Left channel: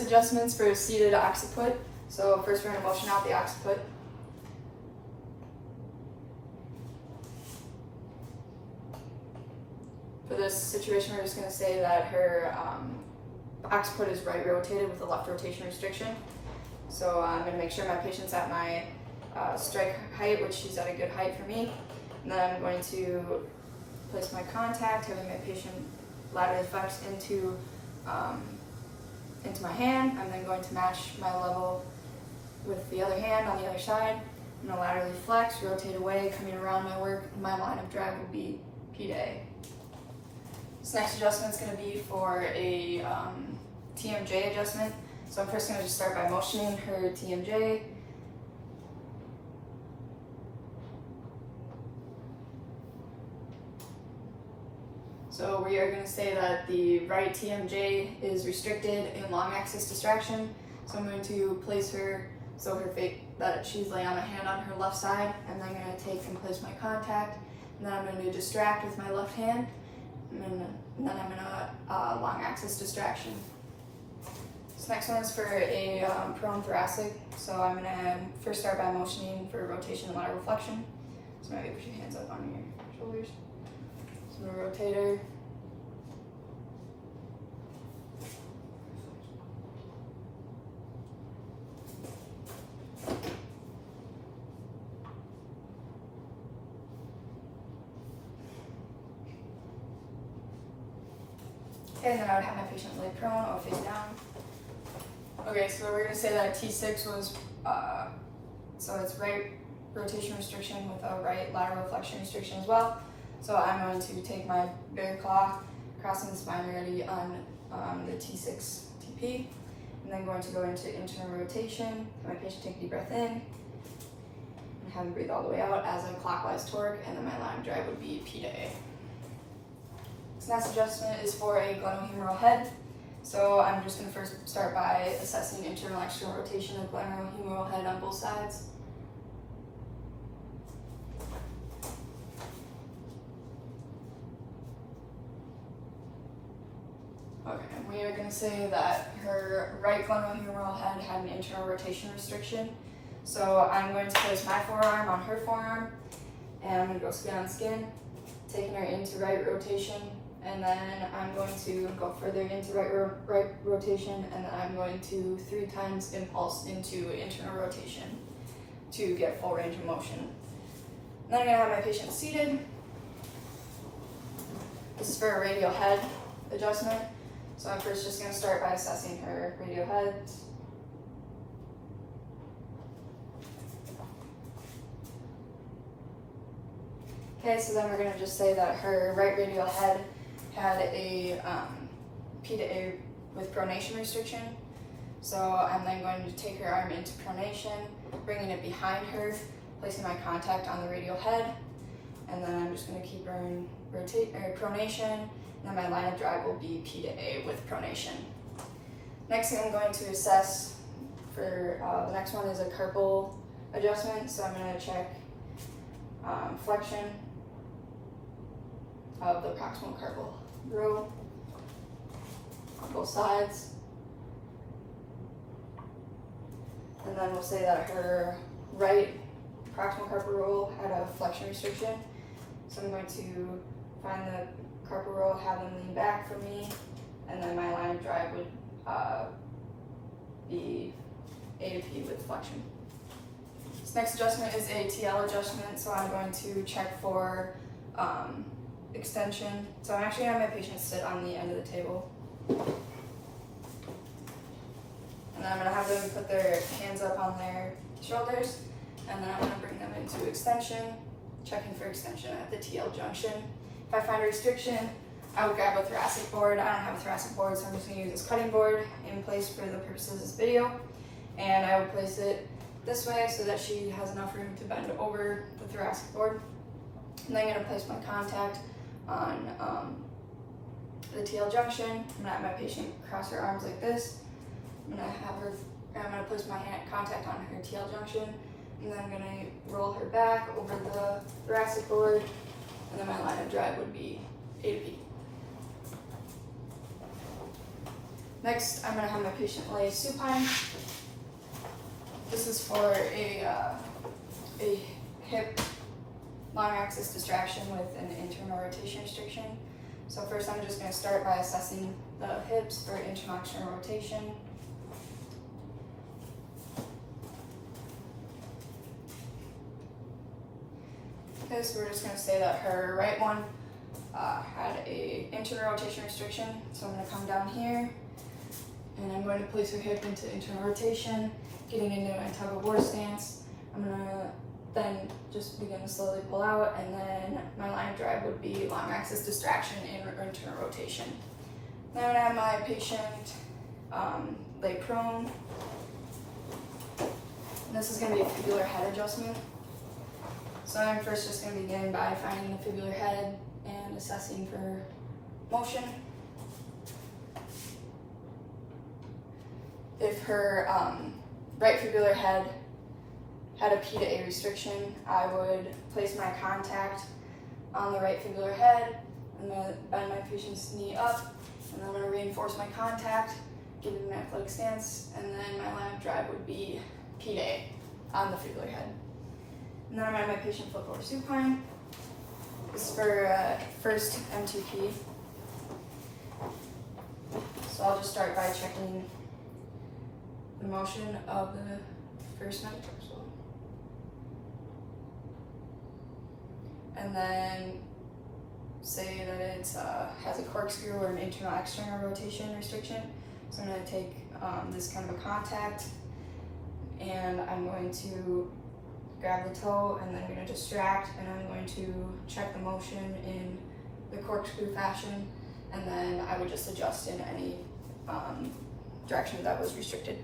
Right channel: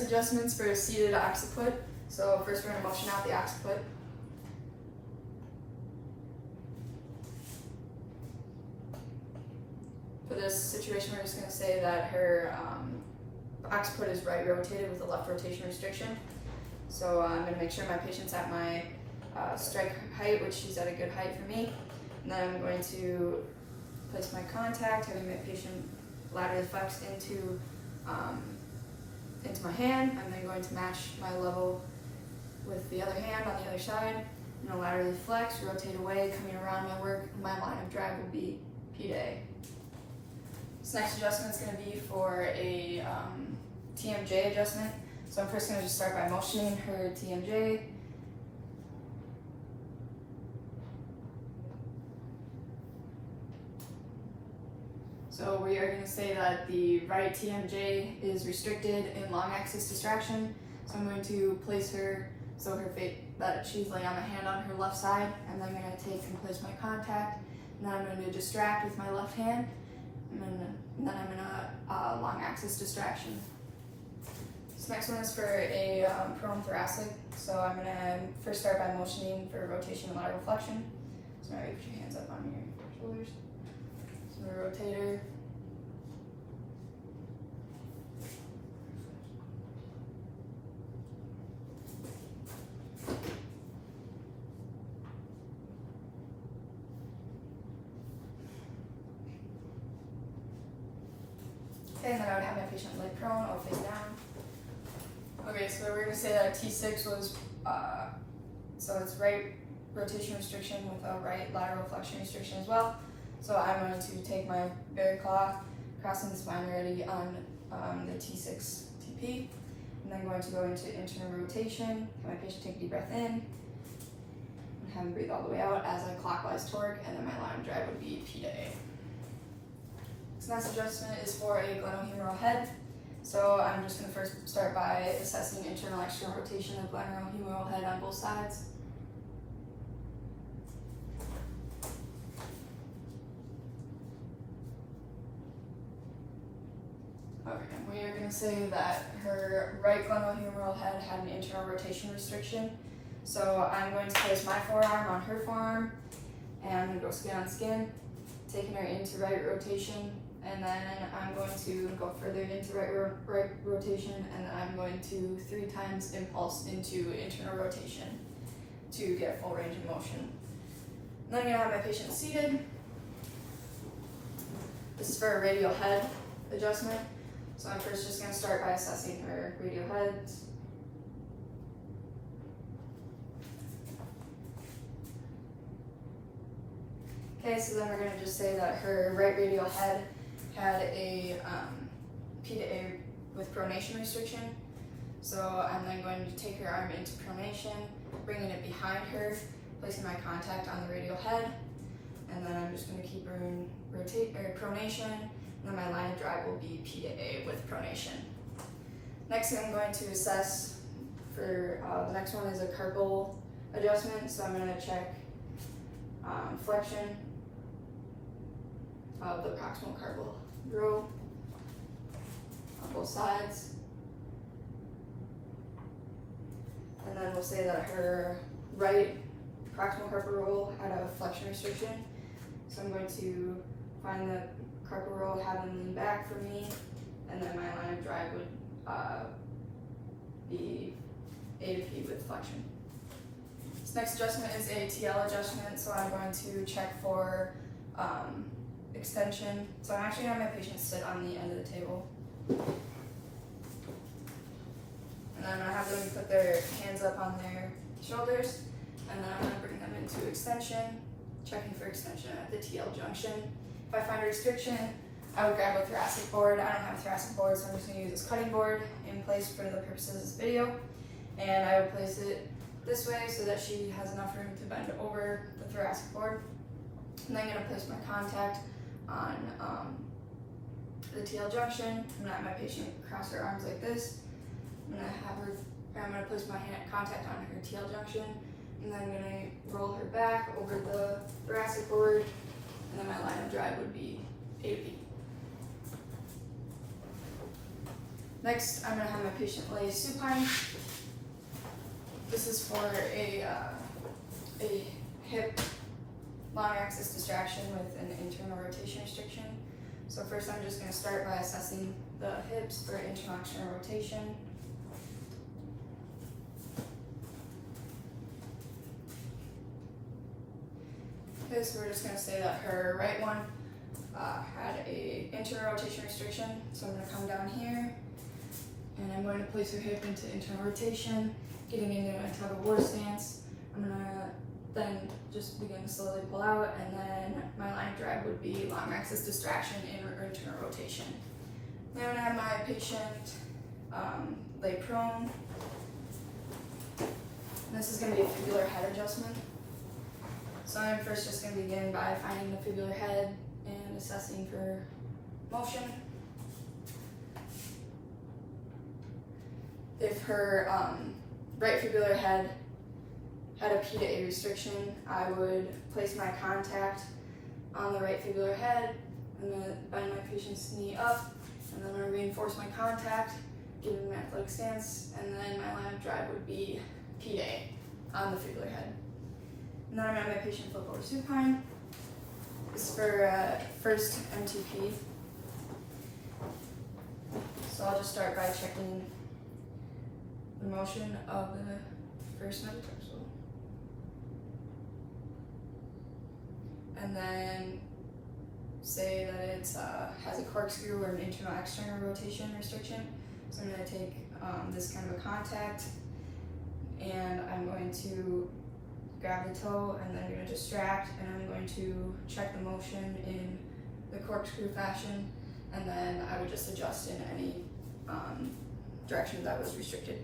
Adjustments for seated occiput. So first we're going to motion out the occiput. For this situation, we're just going to say that her occiput is right rotated with a left rotation restriction. So I'm going to make sure my patient's at my strike height, which she's at a good height for me. And then I'm going to place my contact, having my patient laterally flex into my hand. I'm then going to match my level with the other hand on the other side. I'm going to laterally flex, rotate away, coming around my work. My line of drag will be P to A. This next adjustment is going to be for a TMJ adjustment. So I'm first going to just start by motioning her TMJ. So we are going to say that the right TMJ is restricted in long axis distraction. So I'm going to place her so that she's laying on my hand on her left side, and then I'm going to take and place my contact, and then I'm going to distract with my left hand, and then I'm going to long axis distraction. This next one is for a prone thoracic. So I'm going to first start by motioning for rotation and lateral flexion. So maybe put your hands up on your shoulders. So I'm going to rotate her. Okay, and then I would have my patient lay prone or face down. Okay, so we're going to say that a T6 was, so it's right rotation restriction with a right lateral flexion restriction as well. So I'm going to take my bear claw, crossing the spine already on the T6 TP, and then going to go into internal rotation. Have my patient take a deep breath in, and have him breathe all the way out as I clockwise torque, and then my line of drag would be P to A. This next adjustment is for a glenohumeral head. So I'm just going to first start by assessing internal and external rotation of the glenohumeral head on both sides. Okay, we are going to say that her right glenohumeral head had an internal rotation restriction. So I'm going to place my forearm on her forearm, and I'm going to go skin on skin, taking her into right rotation. And then I'm going to go further into right rotation, and then I'm going to 3 times impulse into internal rotation to get full range of motion. And then I'm going to have my patient seated. This is for a radial head adjustment. So I'm first just going to start by assessing her radial head. Okay, so then we're going to just say that her right radial head had a P to A with pronation restriction. So I'm then going to take her arm into pronation, bringing it behind her, placing my contact on the radial head, and then I'm just going to keep her in pronation, and then my line of drag will be P to A with pronation. Next thing I'm going to assess for the next one is a carpal adjustment. So I'm going to check flexion of the proximal carpal row on both sides. And then we'll say that her right proximal carpal row had a flexion restriction. So I'm going to find the carpal row, have them lean back from me, and then my line of drag would be A to P with flexion. This next adjustment is a TL adjustment. So I'm going to check for extension. So I'm actually going to have my patient sit on the end of the table. And then I'm going to have them put their hands up on their shoulders. And then I'm going to bring them into extension, checking for extension at the TL junction. If I find a restriction, I would grab a thoracic board. I don't have a thoracic board, so I'm just going to use this cutting board in place for the purposes of this video. And I would place it this way so that she has enough room to bend over the thoracic board. And then I'm going to place my contact on the TL junction. I'm going to have my patient cross her arms like this. I'm going to place my contact on her TL junction, and then I'm going to roll her back over the thoracic board, and then my line of drag would be A to P. Next, I'm going to have my patient lay supine. This is for a hip long axis distraction with an internal rotation restriction. So first I'm just going to start by assessing the hips for internal external rotation. Okay, so we're just going to say that her right one had a internal rotation restriction. So I'm going to come down here and I'm going to place her hip into internal rotation, getting into a tug of war stance. I'm going to then just begin to slowly pull out, and then my line of drag would be long axis distraction and internal rotation. Now I have my patient lay prone. And this is going to be a fibular head adjustment. So I'm first just going to begin by finding the fibular head and assessing for motion. If her right fibular head had a P to A restriction, I would place my contact on the right fibular head. I'm going to bend my patient's knee up, and then I'm going to reinforce my contact, give him an athletic stance, and then my line of drag would be P to A on the fibular head. And then I'm going to have my patient flip over supine. This is for first M2P. So I'll just start by checking the motion of the first metatarsal. And then say that it has a corkscrew or an internal external rotation restriction. So I'm going to take this kind of a contact, and I'm going to grab the toe, and then I'm going to distract, and I'm going to check the motion in the corkscrew fashion, and then I would just adjust in any direction that was restricted.